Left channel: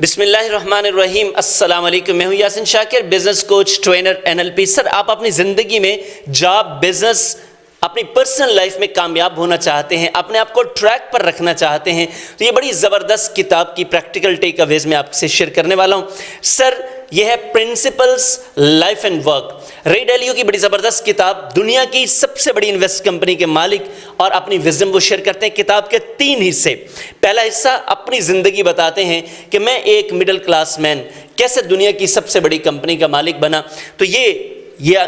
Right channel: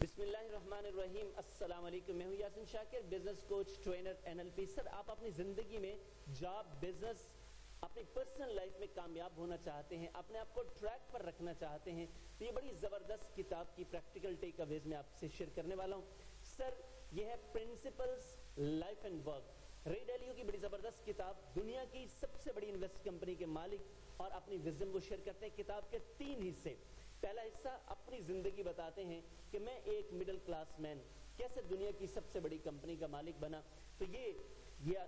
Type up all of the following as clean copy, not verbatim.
बिस्मिल्लाहिर्रहमानिर्रहीम। अस्सलाम वालेकुम। मैं हूं Yasin Shakir, business coach, trainer, NLP। Sir, आप अपनी ज़िंदगी में जॉब, बिजनेस, अपनी पर्सनल लाइफ में कामयाब होना चाहते हैं, अपने आप को ट्रैक पर रखना चाहते हैं, तो ये बड़ी ज़बरदस्त किताब की प्रैक्टिकल टेक अवेज में आपसे शेयर करने वाला हूँ। सर, यह है प्रिंसिपल्स लाइफ एंड वर्क। रे डालियो की बड़ी ज़बरदस्त किताब, दुनिया की सबसे बड़ी इन्वेस्ट कंपनी के मालिक और अपनी विजडम वो शेयर करते हैं। किताब के 3 हिस्से। पहला हिस्सा अपनी ज़िंदगी बताते हैं कि मैं एक मिडिल क्लास मैन कैसे दुनिया की सबसे बड़ी कंपनी का मालिक बना। तो ये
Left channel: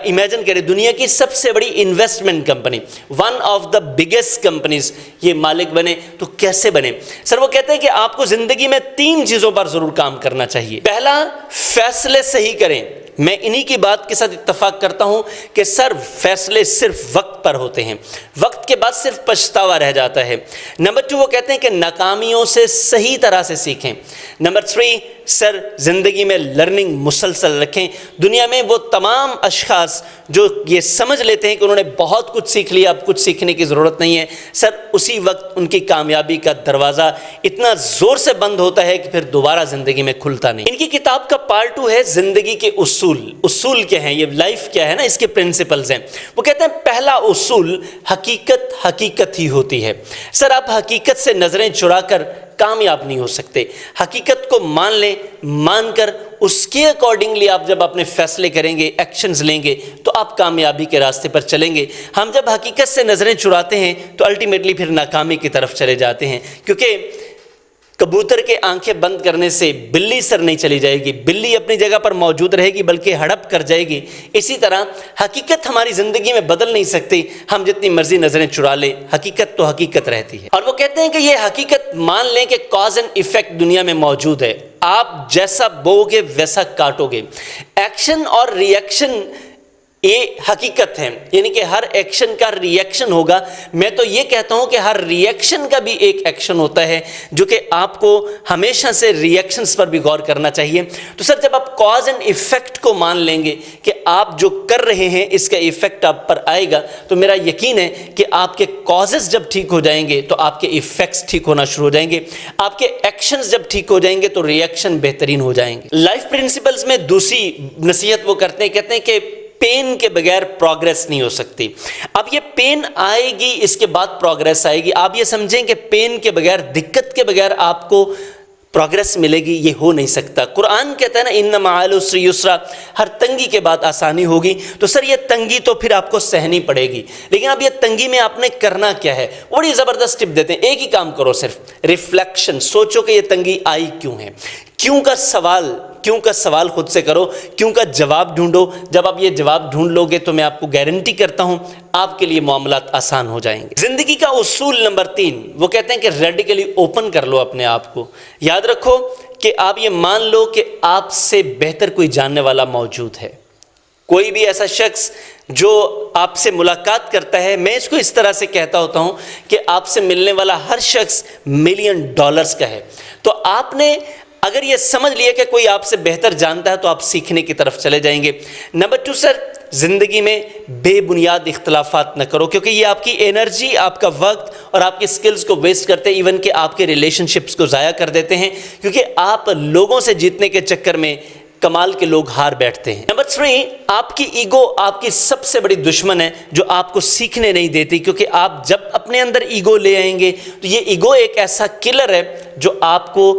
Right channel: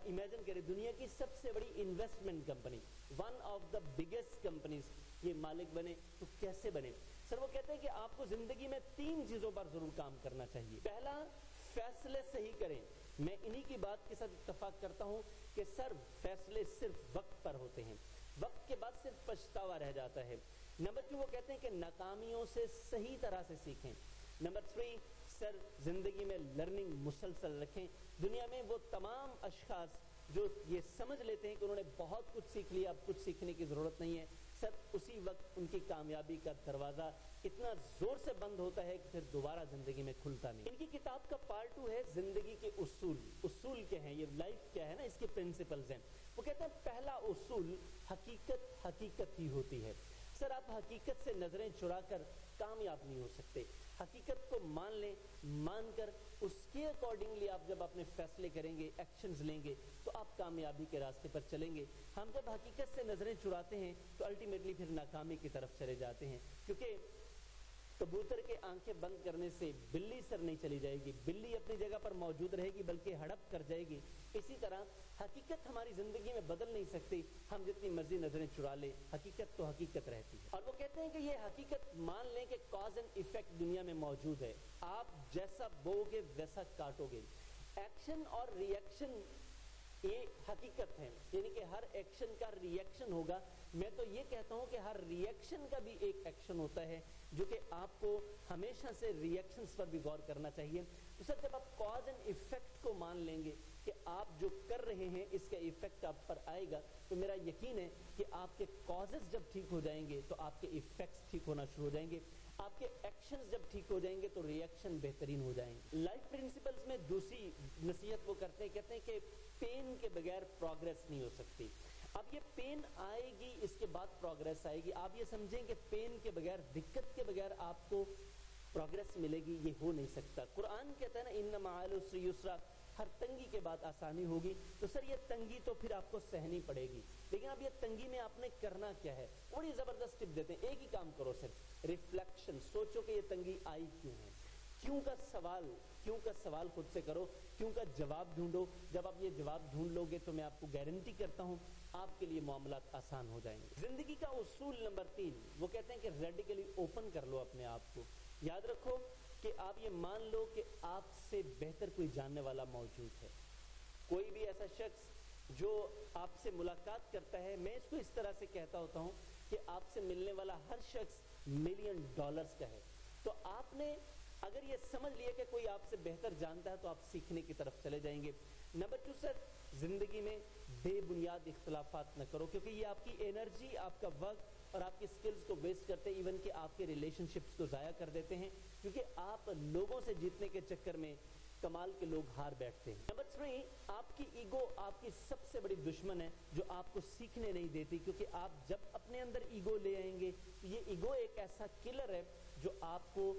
इमेजिन करें, दुनिया की सबसे बड़ी investment company, one of the biggest companies, ये मालिक बने तो कैसे बने। सर, वो कहते हैं कि आपको जिंदगी में 3 चीजों पर जरूर काम करना चाहिए। पहला, फैसले सही करें। मैं इन्हीं की बात के साथ इत्तेफाक करता हूं कि सर, फैसले सिर्फ वक्त पर होते हैं, वक्त के बाद सिर्फ पछतावा रह जाता है। नंबर 2, वो कहते हैं कि नाकामियों से सही तरह से सीखें। नंबर 3, सर, जिंदगी में लर्निंग मुसलसल रखें। दुनिया में वो तमाम अशखास जो ये समझ लेते हैं कि उन्होंने बहुत कुछ सीख लिया, अब कुछ सीखने की ज़रूरत नहीं है, सर, उसी वक्त उनकी कामयाबी का दरवाज़ा इतना ज़ोर से बंद होता है कि फिर दोबारा ज़िंदगी में खुलता नहीं। इनकी किताब का पार्ट 2 है ज़िंदगी के उसूल क्या हैं, ये लाइफ क्या है ना, इसके प्रिंसिपल्स हैं। वो कहते हैं पहला उसूल, हकीकत ही होती है। सर, आप हकीकत से नज़रें चुराकर कामयाब नहीं हो सकते। हकीकत को मान लें, मानकर उसके अकॉर्डिंगली आप जब अपने फैसले करेंगे, एक्शंस लेंगे, तो आप कामयाबी के रास्ते पर चलेंगे। हम जब हकीकत से नज़रें चुराते हैं तो अल्टीमेटली फिर नाकामी की तरफ चले जाते हैं, क्योंकि कबूतर के आंखें बंद करने से बिल्ली सर नहीं चली जाएगी, बिल्ली अपनी जगह पर मौजूद रहेगी बल्कि हड़प कर जाएगी। इसी तरह हकीकत हमारी ज़िंदगी में बदल नहीं सकती, हम जितनी मर्जी नज़रें चुरा लें, हकीकत तो हकीकत रहती है। और वो कहते हैं कि ये हकीकत मान लें कि कॉज एंड इफेक्ट दुनिया में मौजूद है। आप जैसा बोओगे वैसा काटोगे। एक्शन और रिएक्शन ये हकीकत है, यानी कि हर एक्शन का रिएक्शन होगा। मैं तो ये कहता हूं कि हर रिएक्शन का भी एक एक्शन होता है, जो कि आपको हमेशा से रिएक्शंस पर भी गौर करना चाहिए। तो सर, जब आप कॉज एंड इफेक्ट को मान लेंगे कि आप जो कर रहे हैं इसका इफेक्ट आप पर आएगा, तो मेरा यकीन है कि आपके कॉजेस जब ठीक हो जाएंगे तो आपके इफेक्ट्स ठीक होना शुरू हो जाएंगे। आपके एक्शंस जब ठीक हो जाएंगे तो रिएक्शन बेहतरीन हो जाएंगे। लाइफ प्रिंसिपल्स में दूसरी नसीहत वो करते हैं, कहते हैं कि पेन के बगैर प्रोग्रेस नहीं हो सकती। अब ये पेन आएगी, इसके बाद प्रोग्रेस आएगी। आप ये समझें कि पेन के बगैर, दिक्कत के बगैर आपको प्रोग्रेस मिलेगी, ये हो नहीं सकता। कुरान कहता है ना, इन्ना मअल उस्रि युस्रा, हर तंगी के बाद आसानी होगी। तो सर, ये तंगी तो फिर आपको सहनी पड़ेगी, लेकिन अब ये तंगी में आपने करना क्या है, बड़ी ज़बरदस्त टिप देते हैं। एक ही काम करो, सिर्फ रिफ्लेक्शन। सोचो कि ये तंगी आई क्यों है, क्यों का सवाल खुद से करो, क्यों का जवाब ढूंढो। जब आप ये जवाब ढूंढ लोगे तो मैं आपको गारंटी करता हूं आपके लिए मामलात आसान हो जाएंगे। जिंदगी का उसूल नंबर 3, वो कहते हैं कि रेडिकली ओपन कर लो अपने आप को। याद रखो कि आप ये मान लो कि आपसे बेहतर कोई जानने वाला मौजूद है। कोई भी ऐसा शख्स जो आपसे मुलाकात करता है, मैं इसको इस तरह से कहता होता हूं कि आपसे मिलने वाला हर शख्स $1,000,000 का है। तो आपने अगर ये समझ लिया कि कोई आपसे बेहतर जानता है तो आप सीखने की तरफ चले जाएंगे। नंबर 2, सर, जिंदगी में बेबुनियाद इख्तलाफात न करो, क्योंकि ये आपकी एनर्जी, आपका वक्त और आपकी स्किल्स को वेस्ट करते हैं, इवन कि आपके रिलेशनशिप्स को ज़ाया कर देते हैं, क्योंकि आप लोगों से जीतने के चक्कर में कमाल के लोग हार बैठते हैं। नंबर 3, आपकी ईगो आपकी सबसे बड़ी दुश्मन है, जो आपको सीखने नहीं देती, क्योंकि आप जब अपने अंदर ईगो ले आएंगे तो ये ईगो एक ऐसा किलर है जो आपको,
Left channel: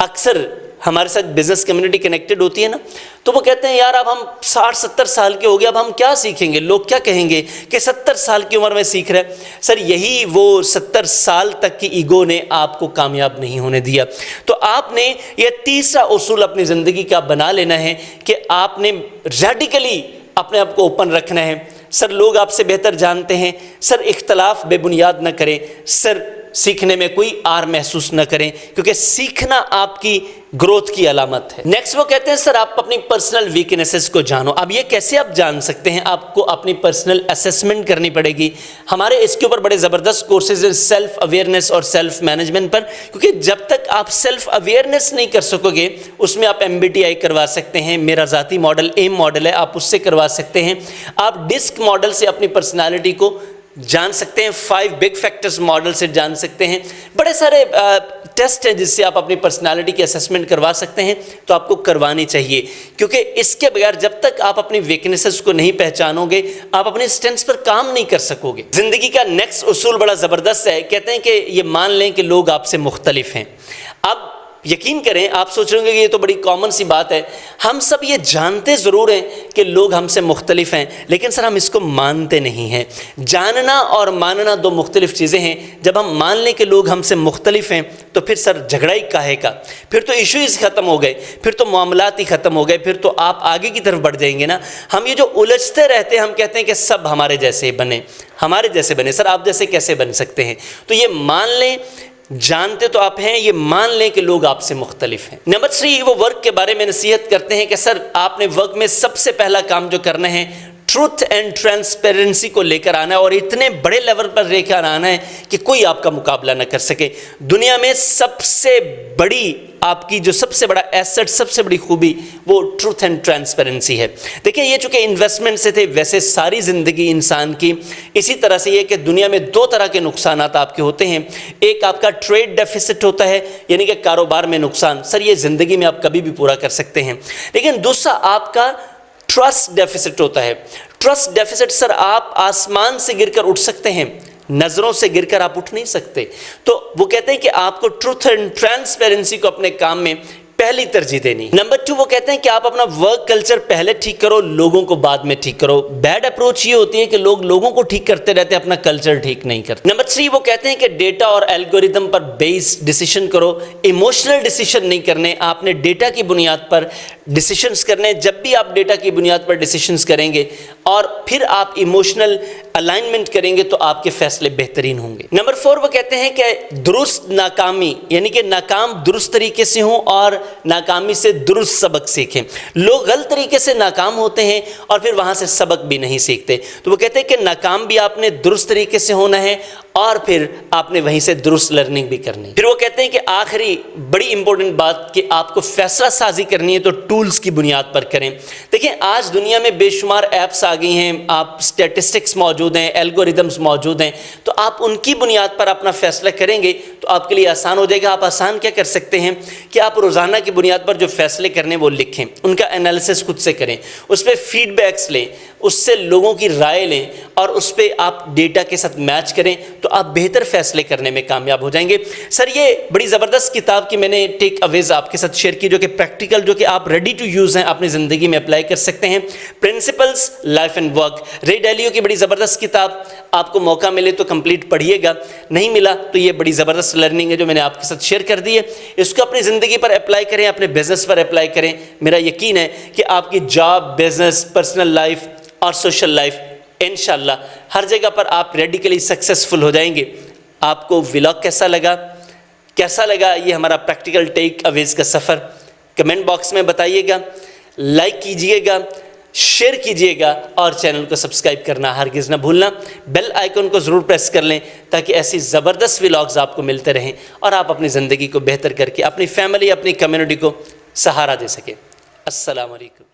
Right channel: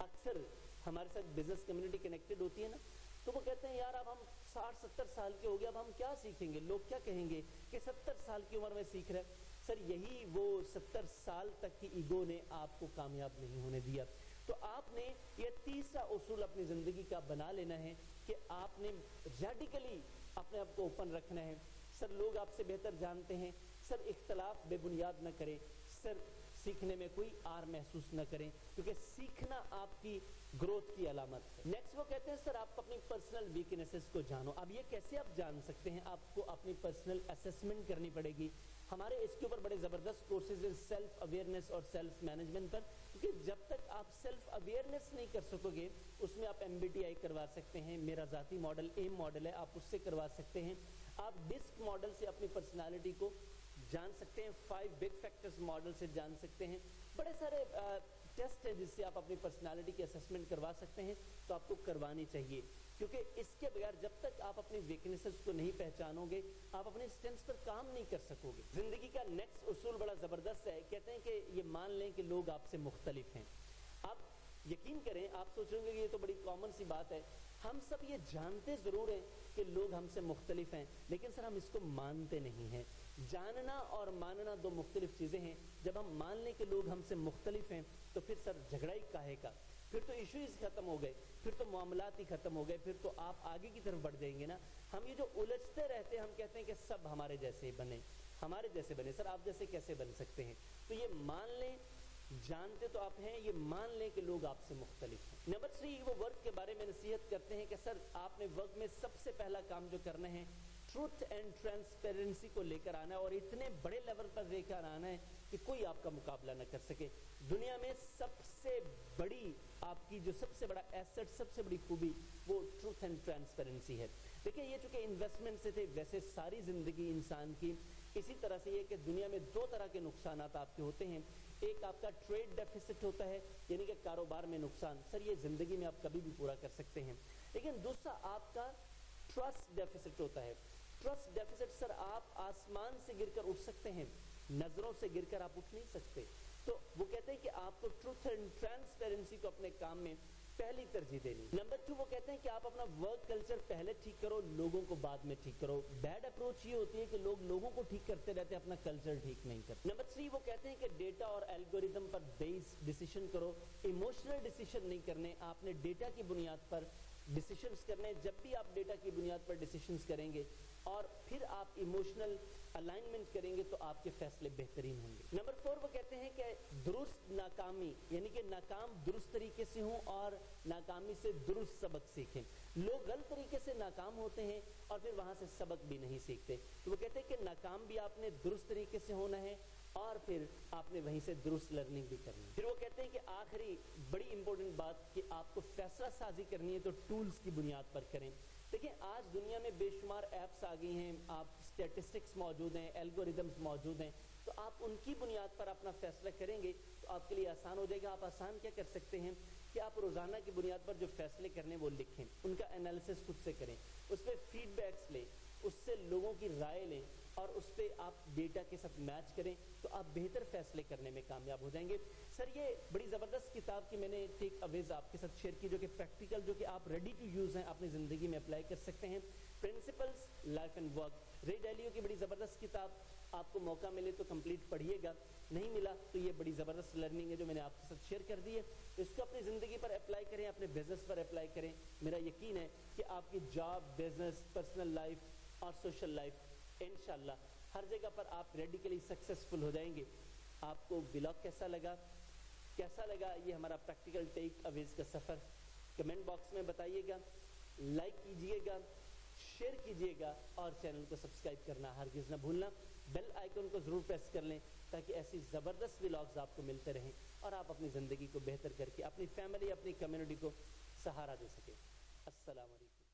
अक्सर हमारे साथ बिजनेस कम्युनिटी कनेक्टेड होती है ना, तो वो कहते हैं यार अब हम 60-70 साल के हो गए, अब हम क्या सीखेंगे, लोग क्या कहेंगे कि 70 साल की उम्र में सीख रहे हैं। सर, यही वो 70 साल तक की ईगो ने आपको कामयाब नहीं होने दिया। तो आपने ये तीसरा उसूल अपनी ज़िंदगी का बना लेना है कि आपने रेडिकली अपने आप को ओपन रखना है। सर, लोग आपसे बेहतर जानते हैं। सर, इख्तलाफ बेबुनियाद न करें। सर, सीखने में कोई आर महसूस न करें, क्योंकि सीखना आपकी ग्रोथ की अलामत है। नेक्स्ट वो कहते हैं सर, आप अपनी पर्सनल वीकनेसेस को जानो। अब ये कैसे आप जान सकते हैं, आपको अपनी पर्सनल असेसमेंट करनी पड़ेगी। हमारे इसके ऊपर बड़े ज़बरदस्त कोर्सेज हैं सेल्फ अवेयरनेस और सेल्फ मैनेजमेंट पर, क्योंकि जब तक आप सेल्फ अवेयरनेस नहीं कर सकोगे, उसमें आप MBTI करवा सकते हैं, मेरा ज़ाती मॉडल एम मॉडल है, आप उससे करवा सकते हैं। आप डिस्क मॉडल से अपनी पर्सनैलिटी को जान सकते हैं, 5 बिग फैक्टर्स मॉडल से जान सकते हैं। बड़े सारे टेस्ट है जिससे आप अपनी पर्सनालिटी की असेसमेंट करवा सकते हैं तो आपको करवानी चाहिए, क्योंकि इसके बगैर जब तक आप अपनी वीकनेसेस को नहीं पहचानोगे आप अपने स्ट्रेंथ्स पर काम नहीं कर सकोगे। जिंदगी का नेक्स्ट उसूल बड़ा ज़बरदस्त है, कहते हैं कि ये मान लें कि लोग आपसे मुख्तलिफ हैं। अब यकीन करें, आप सोच रहे होंगे कि ये तो बड़ी कॉमन सी बात है, हम सब ये जानते ज़रूर हैं कि लोग हमसे मुख्तलिफ हैं, लेकिन सर हम इसको मानते नहीं हैं। जानना और मानना दो मुख्तलिफ चीज़ें हैं। जब हम मान लें कि लोग हमसे मुख्तलिफ हैं तो फिर सर झगड़ा ही काहे का, फिर तो इशूज़ ख़त्म हो गए, फिर तो मामलात ही ख़त्म हो गए, फिर तो आप आगे की तरफ बढ़ जाएंगे ना। हम ये जो उलझते रहते हैं, हम कहते हैं कि सब हमारे जैसे बने, हमारे जैसे बने, सर आप जैसे कैसे बन सकते हैं? तो ये मान लें, जानते तो आप हैं, ये मान लें कि लोग आपसे मुख्तलिफ हैं। नंबर 3, वो वर्क के बारे में नसीहत करते हैं कि सर आपने वर्क में सबसे पहला काम जो करना है ट्रूथ एंड ट्रांसपेरेंसी को लेकर आना है और इतने बड़े लेवल पर लेकर आना है कि कोई आपका मुकाबला न कर सके। दुनिया में सबसे बड़ी आपकी जो सबसे बड़ा एसेट, सबसे बड़ी खूबी वो ट्रूथ एंड ट्रांसपेरेंसी है। देखिए ये चूँकि इन्वेस्टमेंट से थे, वैसे सारी ज़िंदगी इंसान की इसी तरह से ये कि दुनिया में 2 तरह के नुकसान आपके होते हैं। एक आपका ट्रेड डेफिसिट होता है, यानी कि कारोबार में नुकसान, सर ये ज़िंदगी में आप कभी भी पूरा कर सकते हैं। लेकिन दूसरा आपका ट्रस्ट डेफिसिट होता है। ट्रस्ट डेफिसिट सर आप आसमान से गिरकर उठ सकते हैं, नजरों से गिरकर आप उठ नहीं सकते। तो वो कहते हैं कि आपको ट्रूथ एंड ट्रांसपेरेंसी को अपने काम में पहली तरजीह देनी। नंबर 2, वो कहते हैं कि आप अपना वर्क कल्चर पहले ठीक करो, लोगों को बाद में ठीक करो। बैड अप्रोच ये होती है कि लोग लोगों को ठीक करते रहते हैं, अपना कल्चर ठीक नहीं करते। नंबर 3, वो कहते हैं कि डेटा और एल्गोरिदम पर बेस्ड डिसीजन करो, इमोशनल डिसीजन नहीं करने, आपने डेटा की बुनियाद पर डिसीजंस करने। जब भी आप डेटा की बुनियाद पर डिसीजंस करेंगे और फिर आप इमोशनल अलाइनमेंट करेंगे तो आपके फैसले बेहतरीन होंगे। नंबर 4, वो कहते हैं कि दुरुस्त नाकामी, यानी कि नाकाम दुरुस्त तरीके से हों और नाकामी से दुरुस्त सबक सीखें। लोग गलत तरीके से नाकाम होते हैं और फिर वहाँ से सबक भी नहीं सीखते। तो वो कहते हैं कि नाकाम भी आपने दुरुस्त तरीके से होना है और फिर आपने वहीं से दुरुस्त लर्निंग भी करनी है। फिर वो कहते हैं कि आखिरी बड़ी इंपॉर्टेंट बात कि आपको फैसला साजी करनी है तो टूल्स की बुनियाद पर करें। देखिए आज दुनिया में बेशुमार ऐप्स आ गई हैं, आप स्टैटिस्टिक्स मौजूद हैं, एल्गोरिदम्स मौजूद हैं, तो आप उनकी बुनियाद पर अपना फैसला करेंगे तो आपके लिए आसान हो जाएगा। आप आसान क्या कर सकते हैं कि आप रोज़ाना की बुनियाद पर जो फैसले करने वो लिखें, उनका एनालिसिस खुद से करें, उस पर फीडबैक्स लें, उससे लोगों की राय लें और उस पर आप डेटा के साथ मैच करें तो आप बेहतर फैसले करने में कामयाब हो जाएंगे। सर ये बड़ी ज़बरदस्त किताब की मैंने टेक अवेज आपके साथ शेयर की, जो कि प्रैक्टिकल, जो कि आप रेडी टू यूज़ हैं, अपनी ज़िंदगी में अप्लाई कर सकते हैं। प्रिंसिपल्स लाइफ एंड वर्क, रे डैलियो की बड़ी ज़बरदस्त किताब, आपको मौका मिले तो कंप्लीट पढ़िएगा, नहीं मिला तो ये बड़ी ज़बरदस्त लर्निंग है जो मैंने आपके साथ शेयर कर दी है। इसको अपनी ज़िंदगी पर अप्लाई करें, अपने बिजनेस पर अप्लाई करें। मेरा यकीन है कि आपकी जॉब, बिजनेस, पर्सनल लाइफ और सोशल लाइफ इंशाल्लाह हर जगह पर आप रेडिकली सक्सेसफुल हो जाएंगे। आपको व्लॉग कैसा लगा ये हमारा प्रैक्टिकल टेक अवेज का सफ़र, कमेंट बॉक्स में बताइएगा, लाइक कीजिएगा, शेयर कीजिएगा और चैनल को सब्सक्राइब करना हरगिज़ ना भूलना। बेल आइकन को ज़रूर प्रेस कर लें ताकि ऐसी ज़बरदस्त व्लॉग्स आपको मिलते रहें और आप अपनी ज़िंदगी को बेहतर करके अपनी फैमिली, अपनी कम्युनिटी को सहारा दे सकें। अस्सलाम वालेकुम।